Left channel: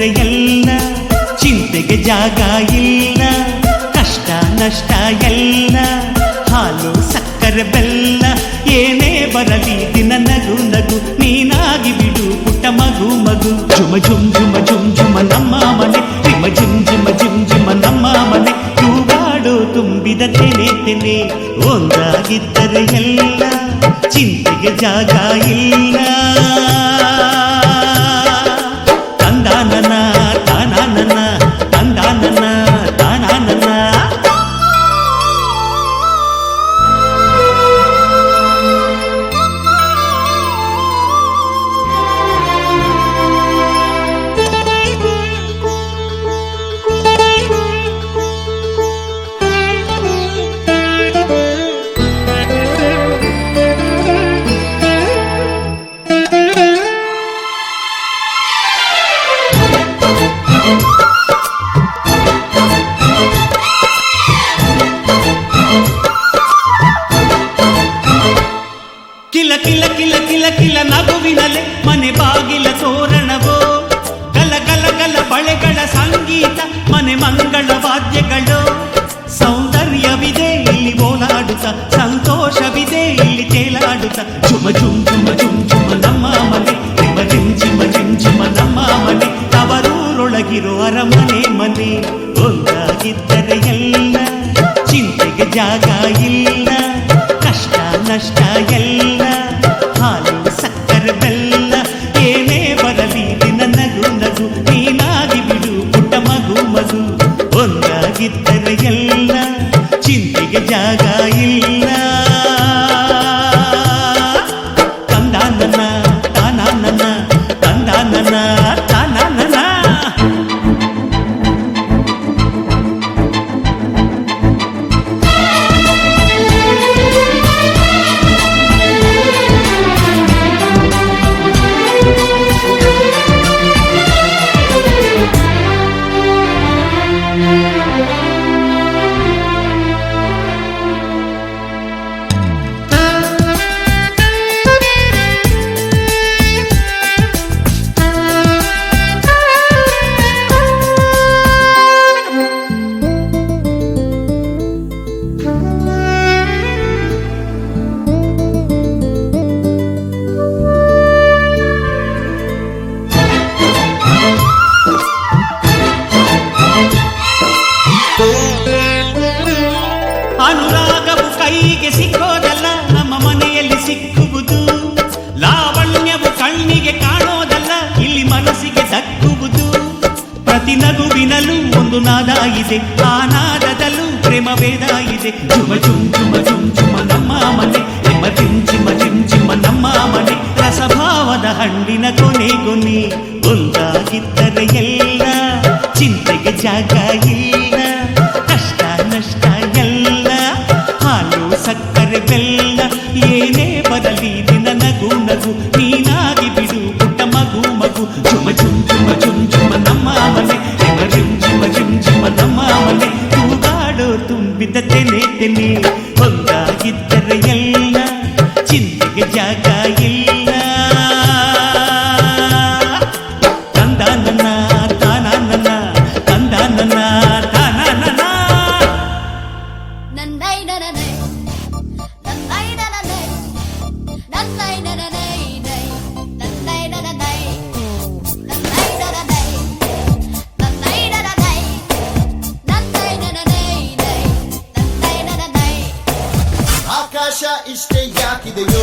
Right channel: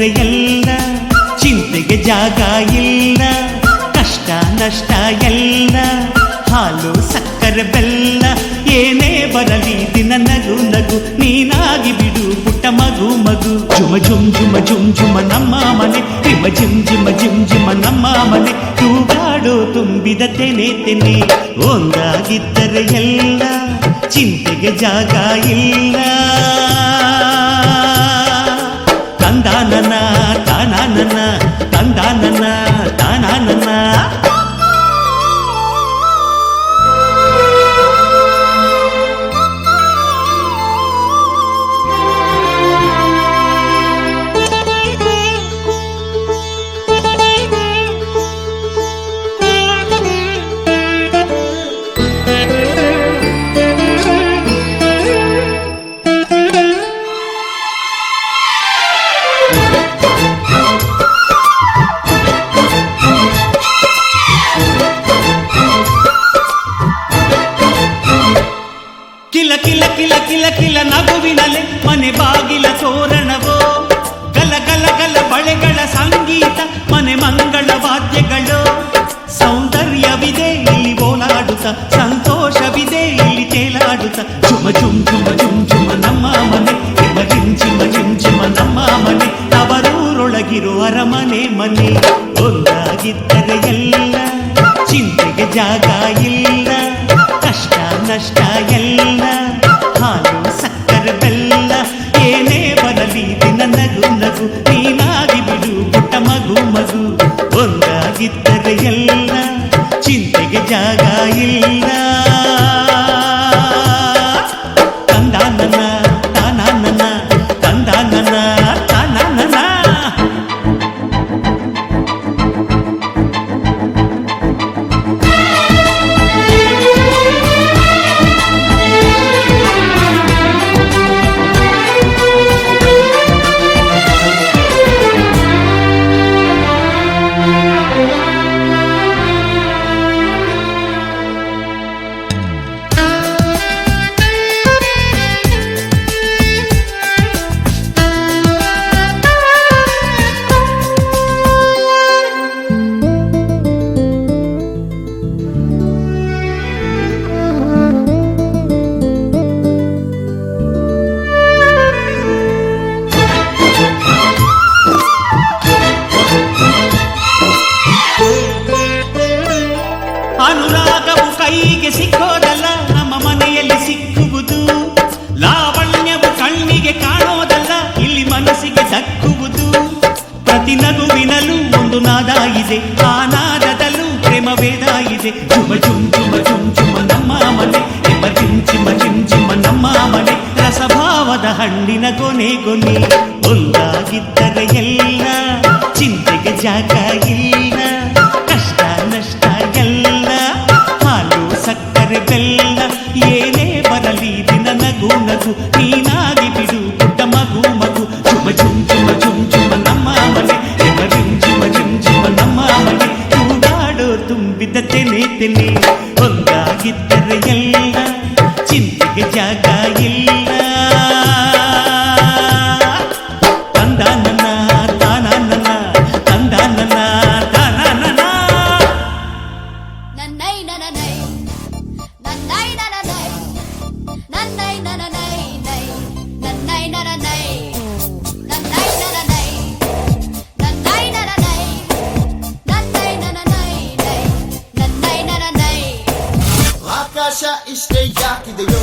ಒಂದಾಗಿದ್ದರೆ ಎಲ್ಲ, ಚಿಂತೆಗೆ ಜಾಗ ಇಲ್ಲ, ಕಷ್ಟ ನಷ್ಟ ಎಲ್ಲ, ಹಾಲು ಸಕ್ಕರೆ ಬೆಲ್ಲ, ಏನೇ ಬರಲಿ ದಿನ ನಗು ನಗು, ನೀನಾಗಿ ಬಿಡು ಪುಟ್ಟ ಮಗು ಮಗು. ಜುಮ ಜುಮ್ ಜುಮ ಜುಮ್ ಜುಮ ನಮ್ಮ ಮನೆ, ರಿಮ ಜಿಮ್ ಜಿಮ ಜಿಮ್ ಜಿಮ ನಮ್ಮ ಮನೆ, ತೂಗಾಡು ತುಂಬಿದ ತೆನೆ ತೆನೆ. ಒಂದಾಗಿದ್ದರೆ ಎಲ್ಲ, ಚಿಂತೆಗೆ ಜಾಗ ಇಲ್ಲ. ತಂದಾನನ ತಾನಾನನ, ತಂದಾನನ ತಾನಾನನ. ಕಿಲ ಕಿಲ ಕಿಲ ಕಿಲ ಕಿಲ ನಗುವಿನಲೆ ಮನೆ ಬಾಗಿಲ ತೋರಣವೋ, ಗಲ ಗಲ ಗಲ ಬಳೆಗಳ ಸಂಗೀತ, ಮನೆ ಮಂಗಳ ವಾದ್ಯಗಳು. ಸೌಂದರ್ಯವಿದೆ ಇಲ್ಲಿ ಓಲಾಡುತ್ತ, ಸಂತೋಷವಿದೆ ಇಲ್ಲಿ ತೇಲಾಡುತ್ತ. ಜುಮ ಜುಮ್ ಜುಮ ಜುಮ್ ಜುಮ ನಮ್ಮ ಮನೆ, ರಿಮ ರಿಮ್ ಜಿಮ ರಿಮ್ ಜಿಮ ನಮ್ಮ ಮನೆ, ತವರೂರೊಳಗಿರೋ ಅರಮನೆ ಮನೆ. ಒಂದಾಗಿದ್ದರೆ ಎಲ್ಲ, ಚಿಂತೆಗೆ ಜಾಗ ಇಲ್ಲ, ಕಷ್ಟ ನಷ್ಟ ಎಲ್ಲ, ಹಾಲು ಸಕ್ಕರೆ ಬೆಲ್ಲ, ಏನೇ ಬರಲಿ ದಿನ ನಗು ನಗು, ನೀನಾಗಿ ಬಿಡು ಪುಟ್ಟ ಮಗು ಮಗು. ಒಂದಾಗಿದ್ದರೆ ಎಲ್ಲ, ಚಿಂತೆಗೆ ಜಾಗ ಇಲ್ಲ. ತಂದಾನನ ತಾನಾನನ, ತಂದಾನನ ತಾನಾನನ. ಅನುರಾಗವು ಕೈಗೆ ಸಿಕ್ಕೋದಲ್ಲ, ನಮ್ಮ ಮನೆಯಲ್ಲಿ ಸಿಕ್ಕುವುದು. ಲಾವಣ್ಯವು ಕಣ್ಣಿಗೆ ಕಾಣೋದಲ್ಲ, ಇಲ್ಲಿ ಮನಸ್ಸಿಗೆ ದಕ್ಕುವುದು. ಪ್ರತಿ ನಗುವಿನಲ್ಲೂ ಒಂದು ನಾದ ಇದೆ, ಆ ನಾದದಲ್ಲೂ ಪ್ರೇಮ ವೇದ ಇದೆ. ಜುಮ ಜುಮ್ ಜುಮ ಜುಮ್ ಜುಮ ನಮ್ಮ ಮನೆ, ರಿಮ ಜಿಮ್ ಜಿಮ ಜಿಮ್ ಜಿಮ ನಮ್ಮ ಮನೆ, ರಸಭಾವದ ಹಣ್ಣಿನ ಕೊನೆ ಕೊನೆ. ಒಂದಾಗಿದ್ದರೆ ಎಲ್ಲ, ಚಿಂತೆಗೆ ಜಾಗ ಇಲ್ಲ, ಕಷ್ಟ ನಷ್ಟ ಎಲ್ಲ, ಹಾಲು ಸಕ್ಕರೆ ಬೆಲ್ಲ, ಏನೇ ಬರಲಿ ದಿನ ನಗು ನಗು, ನೀನಾಗಿ ಬಿಡು ಪುಟ್ಟ ಮಗು ಮಗು. ಜುಮ ಜುಮ್ ಜುಮ ಜುಮ್ ಜುಮ ನಮ್ಮ ಮನೆ, ರಿಮ ರಿಮ್ ಜಿಮ ರಿಮ್ ಜಿಮ ನಮ್ಮ ಮನೆ, ತೂಗಾಡೋ ತುಂಬಿದ ತೆನೆ ತೆನೆ. ಒಂದಾಗಿದ್ದರೆ ಎಲ್ಲ, ಚಿಂತೆಗೆ ಜಾಗ ಇಲ್ಲ. ತಂದಾನನ ತಾನಾನನ, ತಂದಾನನ ತಾನಾನನ. ಆಕಾಶ ಇಷ್ಟೇ ಯಾಕಿದೆಯೋ